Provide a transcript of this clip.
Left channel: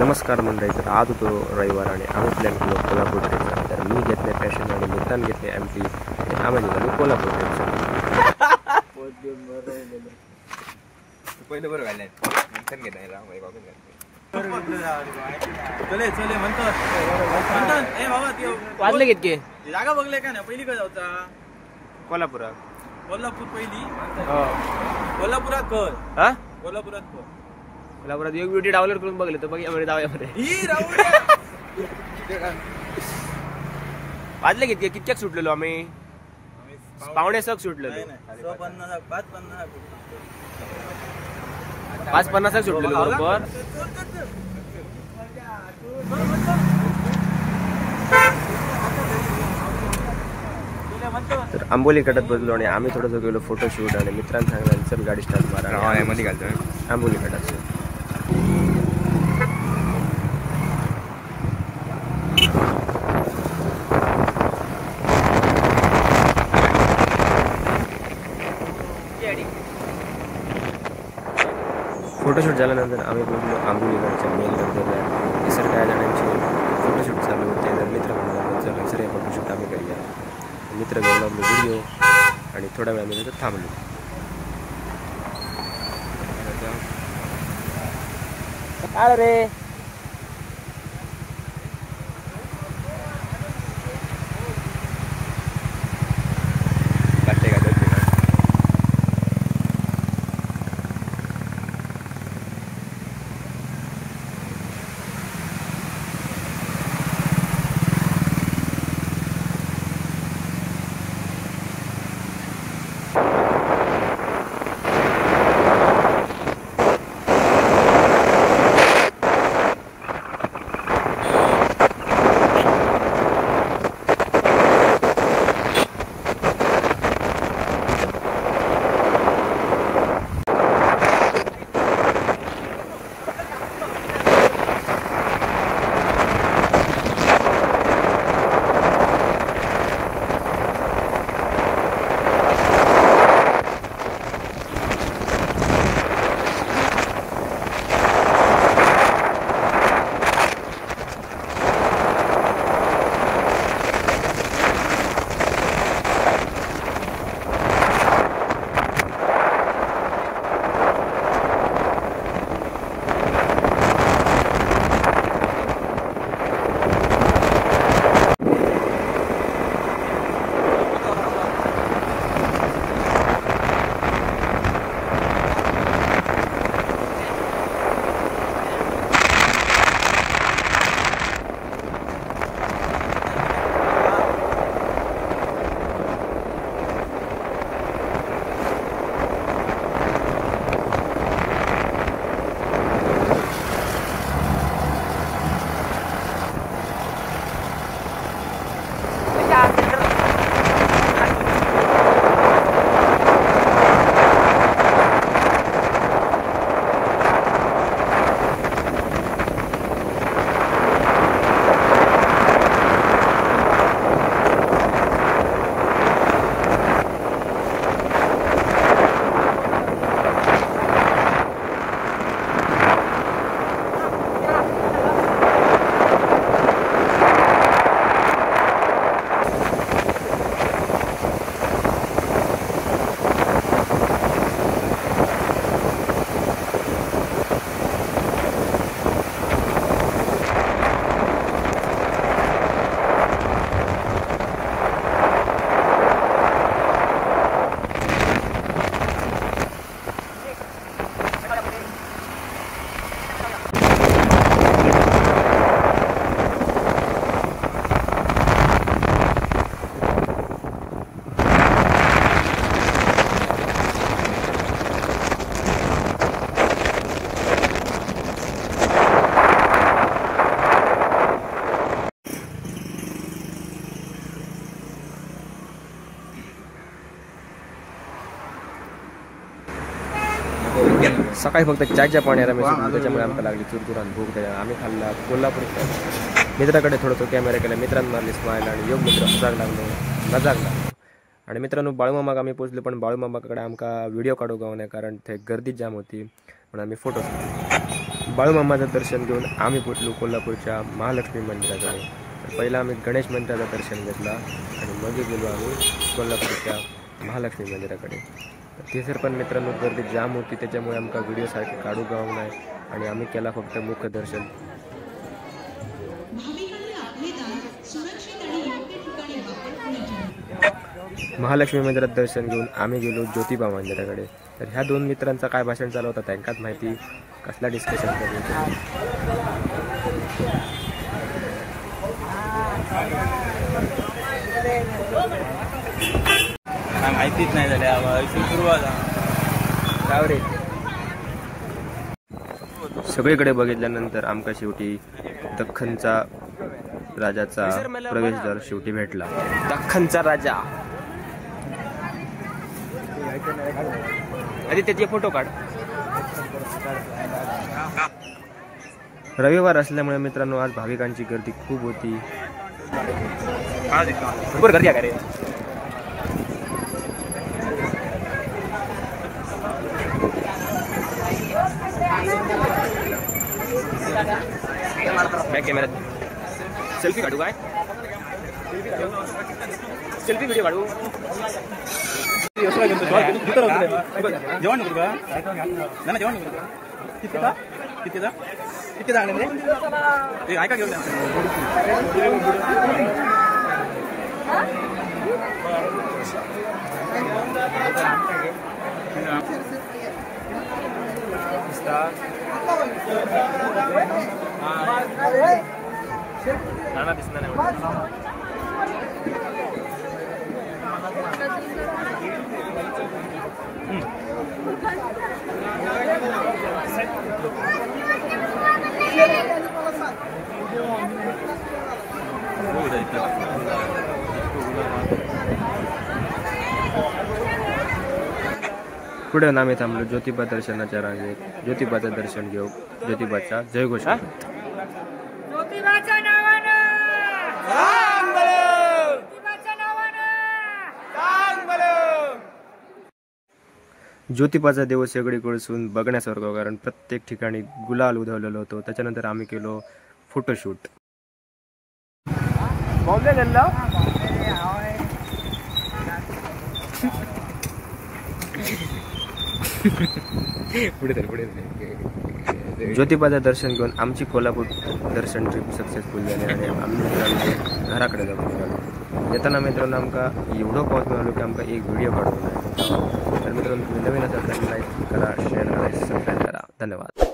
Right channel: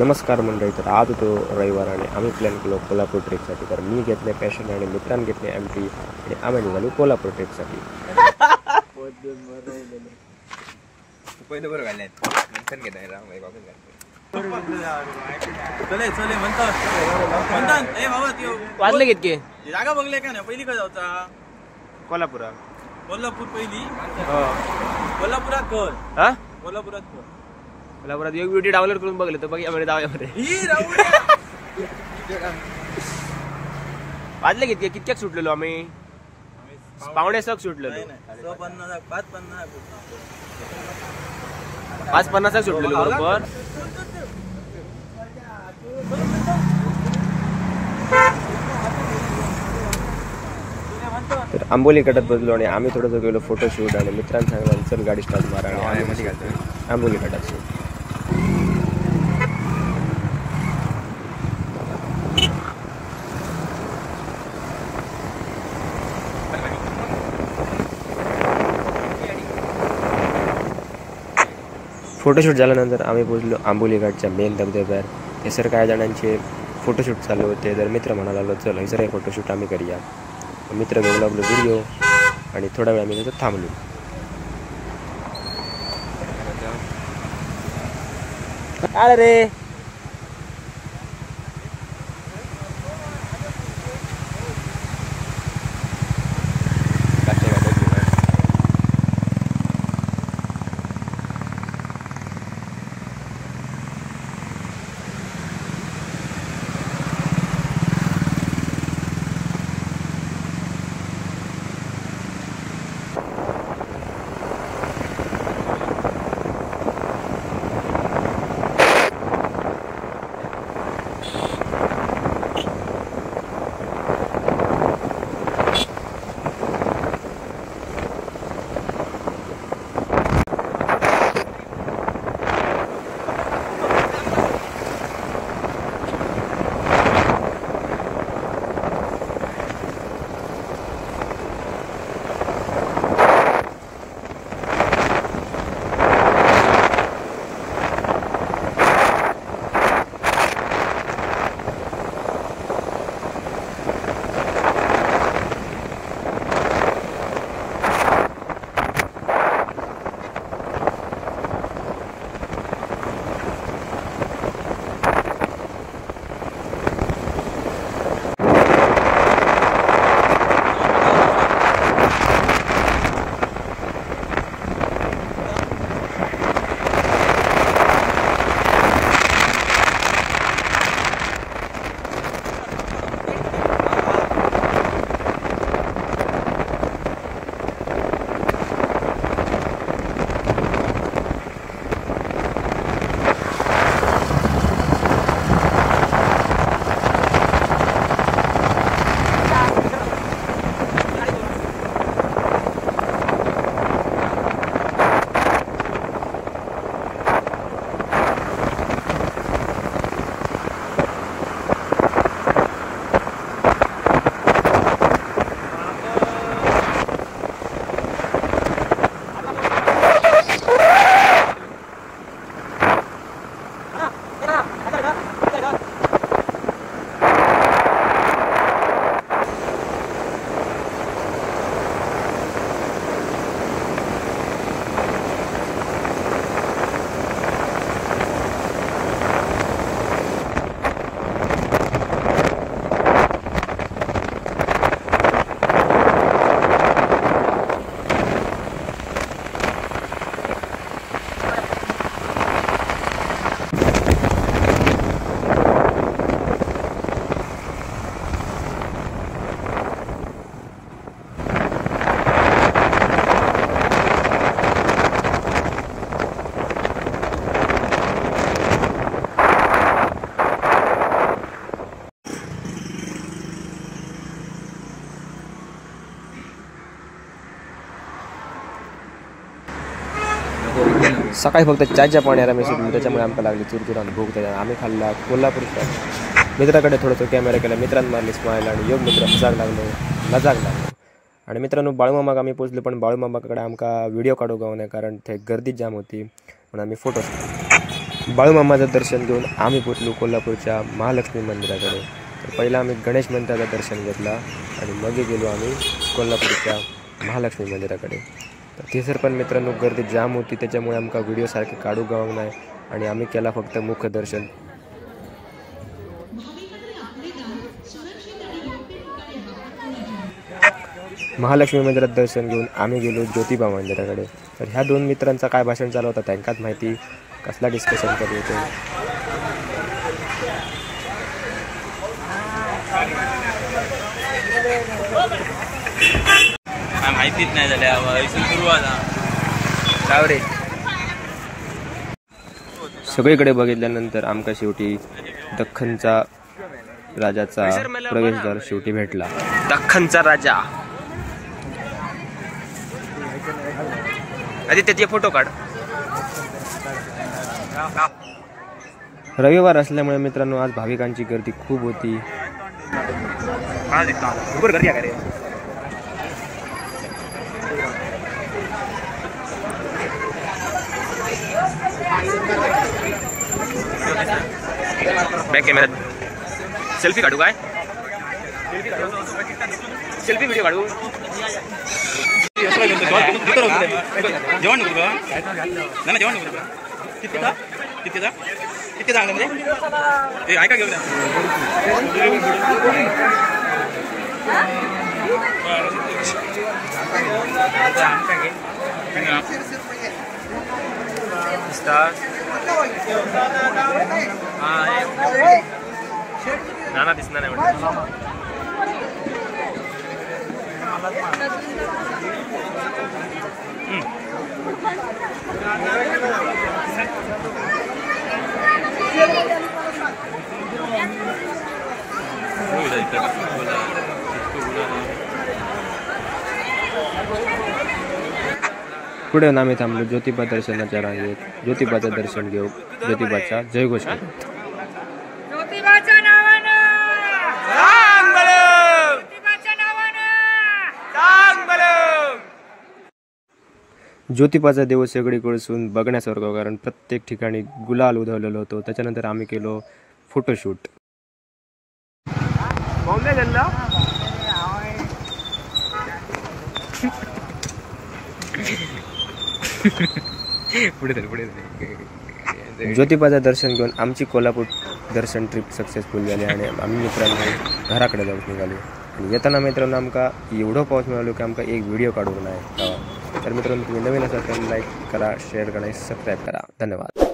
नमस्कार मंडळी, तर आज होतो रविवार आणि आम्ही प्लॅन केलो कोल्हापूर ट्रिपसाठी. तर मी घेतले पॅशन आणि मित्रांनी घेतले एमटी आणि आम्ही निघालो कोल्हापूर ट्रिपसाठी. वाजले कितके जागा बघले का ना पहिली काय जाऊचा कोल्हापुरात कोल्हापूर पहिली कोल्हापुरात कर हा कोल्हापुरात कर कोल्हापुरात एक ब्युटी डाउनलोड करून बघले तर बघ जाऊया वाजले कितके कितक्याक सुटलेलो आम्ही 5:45 सुटलेलो 5:50 सुटलेलो बरोबर. तर आंबोली कटात बसलो आणि आम्ही थोडंसं गेलो फोटोशूट आणि मित्रांनी सांगितलं चल गाडी स्टार्ट मारा आणि आम्ही मध्ये घालतो आंबोली कटात. फोटोशूट झाल्यानंतर आम्ही पोहोचलो आंबोली घाटच्या मेन धबधब्यात. सर काय जणांचे फोटोशूट चालू होते तर मित्र म्हणाला चल सर हे फोटोशूट आम्ही करूया. मित्र घेऊ लागलो व्हिडिओ आणि थोडा वेळ आम्ही तिथं थांबलो. अरे सकाळी फक्त चायच्या पाण्याला मी सुटलो त्याच्यामुळे आमका लागली चुरचुर आणि भूक. त्याच्या आम्ही खाल्ला कोल्हापूर स्टँड. मित्राकडे थोडंसं कॅमेरा केला, मित्रांनी मारली स्माईल आणि योग मित्र हसाक लागलो नजाक लागलो. आणि मित्रांनो बाळूमामाक आम्ही पोचलो पण बाळूमामाकडे आमका व्हिडिओ काढू गाव नाही कारण ते गर्दी जाम होती म्हणून आम्ही फोटो बाळूमामाचं दर्शन घेऊन आम्ही पोचलो कोल्हापूरच्या महालक्ष्मी मंदिराकडे. तर पहिला आम्ही गणेश मंदिराचं दर्शन घेतला आणि मग गेलो आम्ही कोल्हापूरच्या महालक्ष्मी मंदिराकडे. तर तिसर पण मित्रांनो गर्दी जाम होती, त्याच्यामुळे आमका व्हिडिओ सारखे काढू गावंक नाही आणि आम्ही केला फक्त मुख्य दर्शन. महालक्ष्मी मंदिरात दर्शन घेऊन आम्ही गेलो ज्योतिबा मंदिराकडे. तर ह्या दोन मित्रांचा काय भाषण चालू होता त्यांकाच माहिती, कसला डिस्कशन करत होते. माहितीच नाही झाल्या रे. सगळीकडे बघितल्यानंतर आमका शेवटी दख्खनचा राजाचा प्रवेशद्वार शेवटी भेटला. दख्खनचा राजा. आधी त्याचे फोटो काढ. रविवार असल्यामुळे मित्रांनो आज भाविकांची गर्दी खूप होती. गर्दी आहे का रे? बॅक कॅमेऱ्यात सेल्फी काढू काय? सेल्फी व्हिडिओ काढू. जेवण नको का? नाही जेवण नको का? किती चांगलं म्हणजे ऐका घेऊन नाना दिसणार नाही वाटत. पुढे आम्ही थांबलो ज्योतिबा दर्शनाच्या रांगेत. ज्योतिबाचं दर्शन घेऊ, ज्योतिबाचा जयघोष करू. ज्योतिबाच्या नावानं ज्योतिबाचा दिवस सगळीकडसून बघण्यासारखं, कारण प्रत्येक ठिकाणी गुलाल उधळलेलं होतं. त्याच्यानंतर आम्ही केलो फोटोशूट. ज्योतिबाचं दर्शन घेऊन आमची कोल्हापूर दर्शन ट्रिप सक्सेसफुल झाली आणि आम्ही मित्रांनो घराकडे जाऊन निघालो. येताना मित्रांनो आमका एवढं पाऊस मिळालो की आमका एक व्हिडिओ काढून नाही. तर मित्रांनो तुम्ही नवीन असाल तर लाईक करा, शेअर करा, सबस्क्राईब करा. धन्यवाद.